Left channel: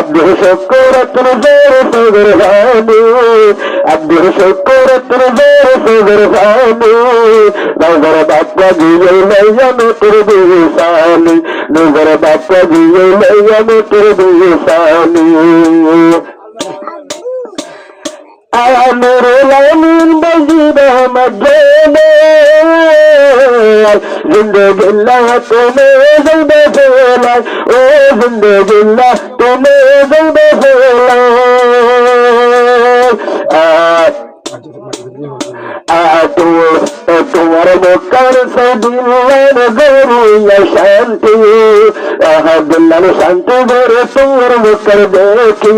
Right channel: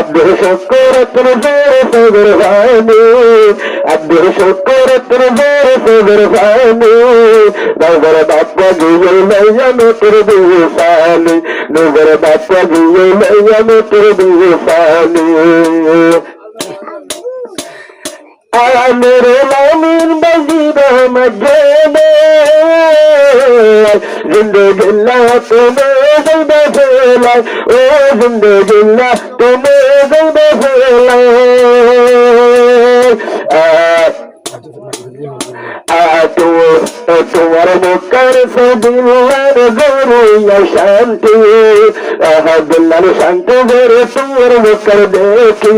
আব্দুল শুকুর তোর জোরে সদর ভানু আব্দুল শুকুর তোর জোরে সদর ভানু নগর বাপ্পা গিয়ে লইয়া তোর দিশানি নগর বাপ্পা গিয়ে লইয়া তোর দিশানি मेरे लामीन बजीब मजने जिंदगी तुम्हें ज़िंदे फैला ओ जिंदगी तुम्हें ज़िंदे फैला तुम्हारे मुकर से दिलन गुरु शांति दिलन शांति गुरु तुम्हारे मुकर देखी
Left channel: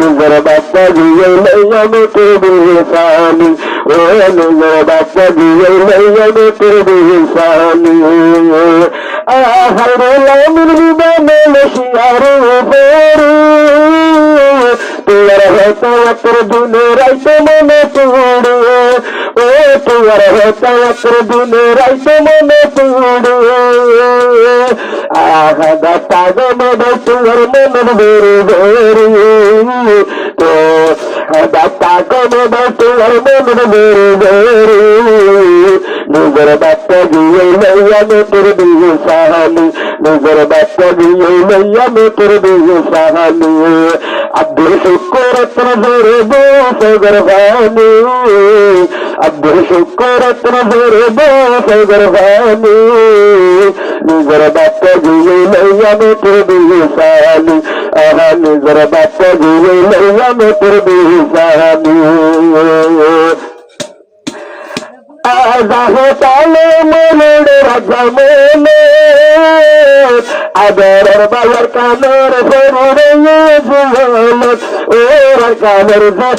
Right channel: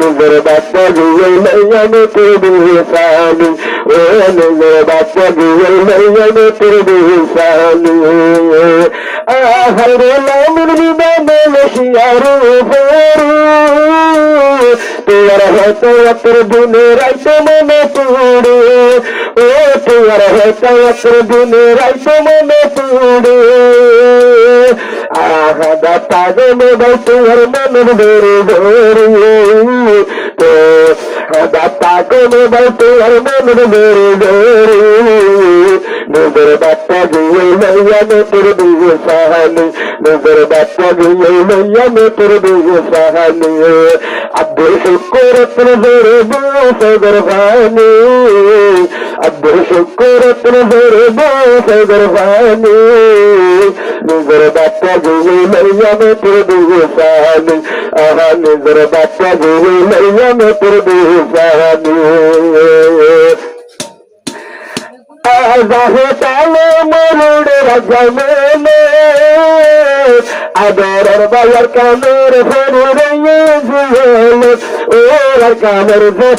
नजर बापा दिए नैया में तेरी सानी ओ नजर बापा दिए नैया में तेरी सानी हरे लामिन बने लशियारू फेरू तुअर है तो अतर दुने रात मन तूड़े ओ तुअर है तो अतर दुने रात मन तूड़े आगा पाग में तुअर मन बेरे बेरे तो पाग में तुअर मन बेरे बेरे नजर बापा दिए नैया में तेरे दिए सहानी नजर बापा दिए नैया में तेरे दिए सहानी अब्दुल शुक्र तेरे जोरे दो सगर भानी अब्दुल शुक्र तेरे जोरे दो सगर भानी नजर बापा दिए नैया में तेरे दिए सहानी नजर बापा दिए नैया में तेरे दिए सहानी ताले मोड़ रजमेले अदर बावर कानर फरुरये जुल और कानर से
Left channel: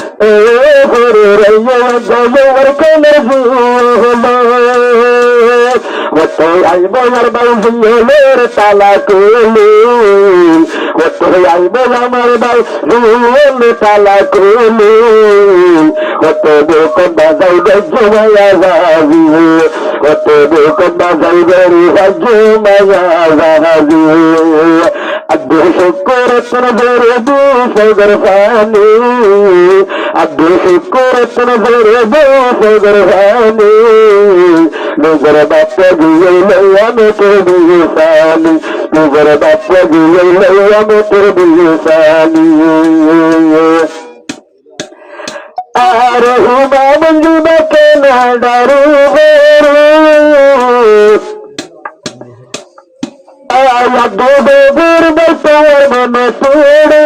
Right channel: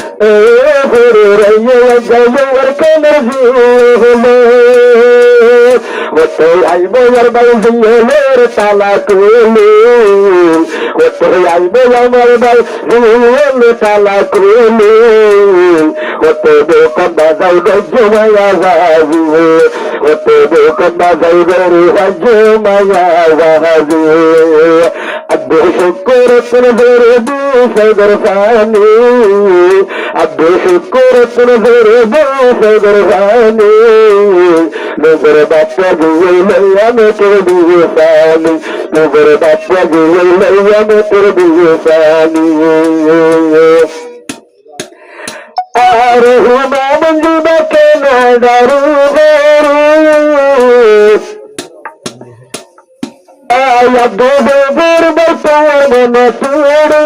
फरुरये जवर कानर जुल वो तो आई बावर बाउजिये ताला कोली वो तो आई बावर बाउजिये ताला कोली वो तो बेकन बाजाई जुमाया वो तो बेकन बाजाई बेरी जुमाया अब्दुल शुक्र तुम जोरे दो सगर भानी अब्दुल शुक्र तुम जोरे दो सगर भानी नजर बापा दिए नैया में तेरे दिए सानी नजर बापा दिए नैया में तेरे दिए सानी आरे हुआ मंजू बके ना डरू गोबर बसार मन तोड़े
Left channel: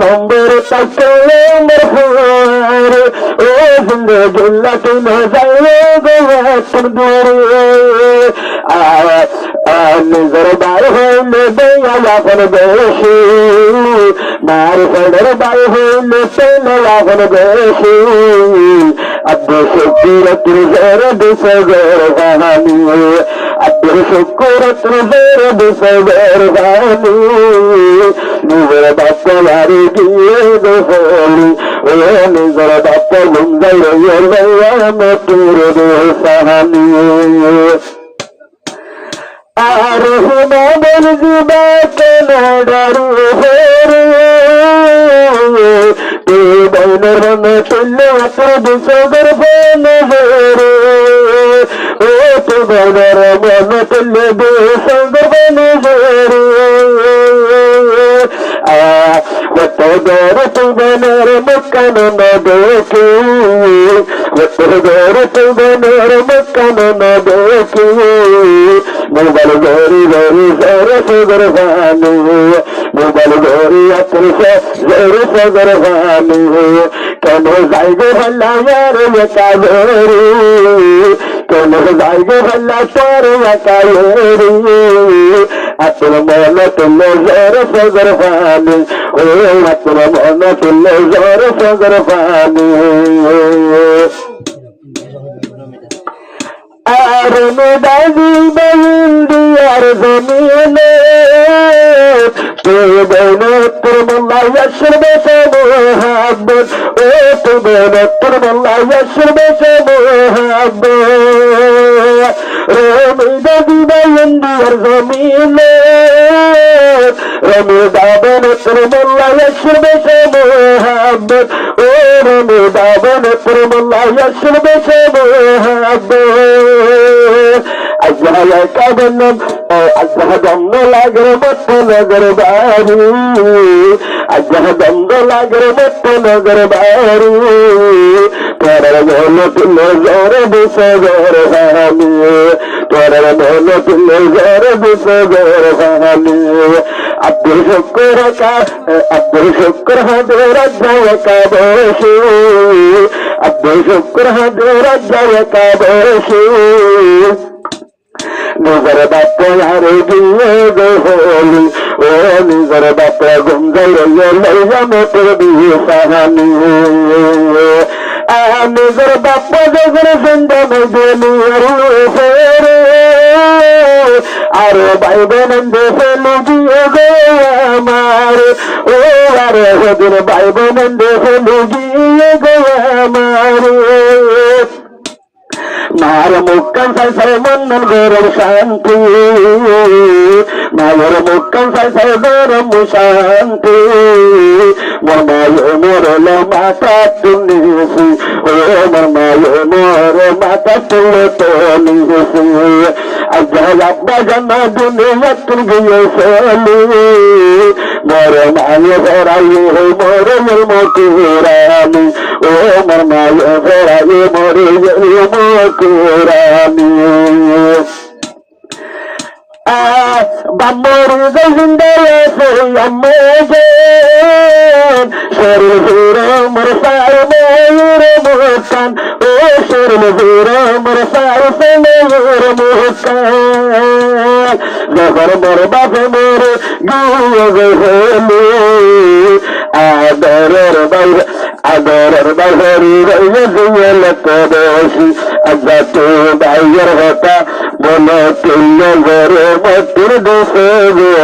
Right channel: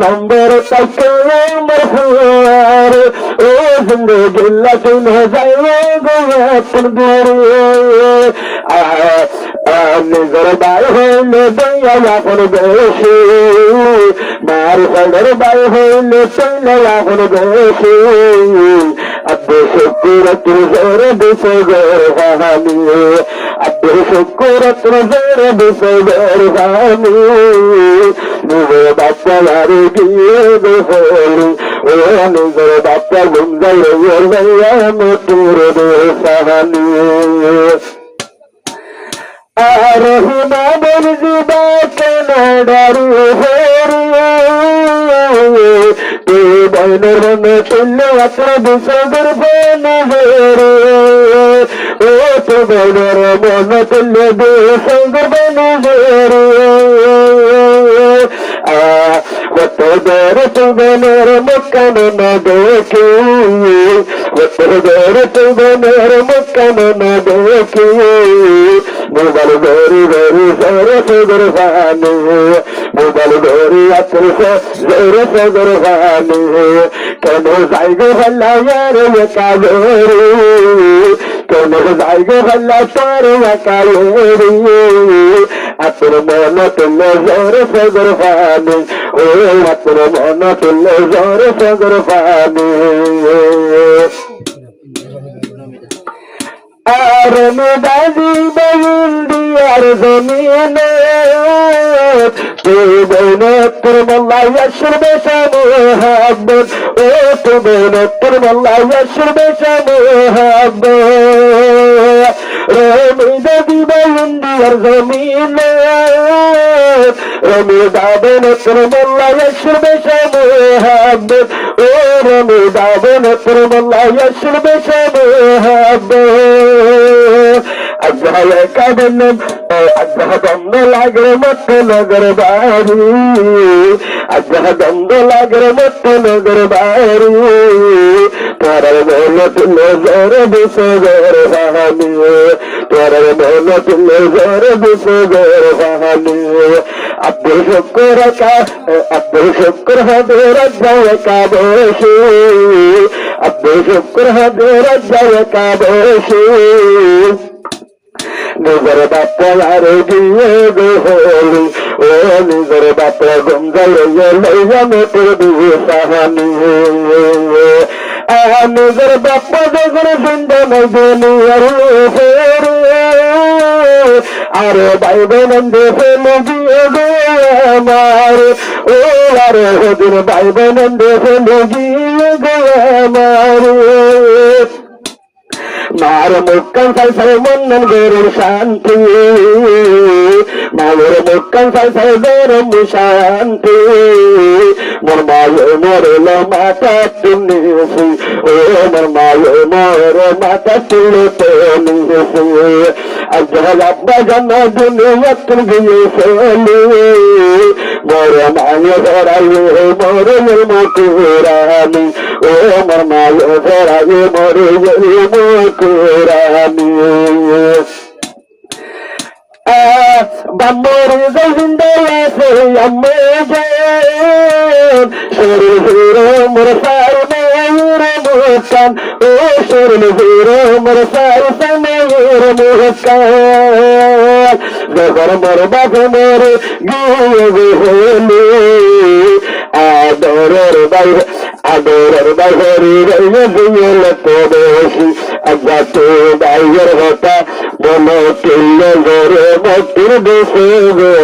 नंबर तक नंबर ओ जिंदगी तुम जाए गया तुम नजर बाय हो दया लाखन बेशी मार सडर बाय हो लाखन बेशी अब्दुल शुक्र तुझर दुसगर कहानी अब्दुल शुक्र तुझर दुसगर कहानी नजर बापा वारी दिए दोली ओ नजर बापा लुंगर लैया में तूर दे सहानी बन जुबा के न डरू तू बैनर में तुल्य अतर सगर बन ओ तू बैनर मन तुल्य सगर बन तो गौर तू बैनर मक्कन न देखी तो गौर तू बैनर मक्कन न देखी मुगल गोरी गोरी जोरे सगर भानु मुगल गोरी अतर से जोरे सगर भानु कनो जाएगे भला यार ये कालोरी कनो जाएगे भला तार ये कालोरी अतर मन तुल्ले जोरे सगर भानु ओ अतर मन तुल्ले जोरे सगर भानु दादी बंदियार जमीने तो बहना तुरमल्ला यशर बेशमुहब्बत ओ तो बहना तुरमल्ला यशर बेशमुहब्बत दादी बंदियार जमीने রমি দাবন তোর মোল্লা শুনবে সে মোহাম্মদ ও রমি দাবন তোর মোল্লা শুনবে সে মোহাম্মদ আজহায় কাবনম ও আজহ দম্ব লাগর মত নগর বাড়ি আজহ দম্ব লাগর মত নগর বাড়ি তোর মন তুলে জোর দিছে জোর হানি তোর মন তুলে জোর দিছে জোর হানি আব্দুল শুক্র হবে রাজ্জায় কাবেশি আব্দুল শুক্র হবে রাজ্জায় কাবেশি নিজের বাপ্পা আরে দিয়ে গোহলি ও নিজের বাপ্পা গুঞ্জল লইয়া মোটর দিয়ে সাহানি নিজের বাপ্পা যখন সুন্দর আরে ভাই বোন দেশে নজিয়ে গো আমার ও আরে হদিন ভাই বোন দেশে নজিয়ে গো আমার মার মুক্কান সাই সাই মন্নন গরম শান্তি মায়ের মুক্কান সাই সাই গরম শান্তি মোর মায়ে মোরল মাতা তুলিছি ও মোর মায়ে মোর মাতা তুলে তো নিয়েছি আজহাল আব্বা জানা দুনিয়া তুল গিয়েছিলি মোর মায়ে ধরাই মোর মুকুরানি ও মোর মায়ে ধরাই মোর মুকুরানি বাম্মর জিন্দা আছে আম্মে জান শরীর হিরো মোর সার ময়ূর মুস্কান ও শরীর হিরো মোর সার ময়ূর মুস্কান জগর মোর বাবা মোর গিয়ে গেলি আদরের বাইরে দিয়ে লোক বেশি আজ্ঞা তো বাইরের হতা মনে তুল্য ঘরে মতুর দেশে গে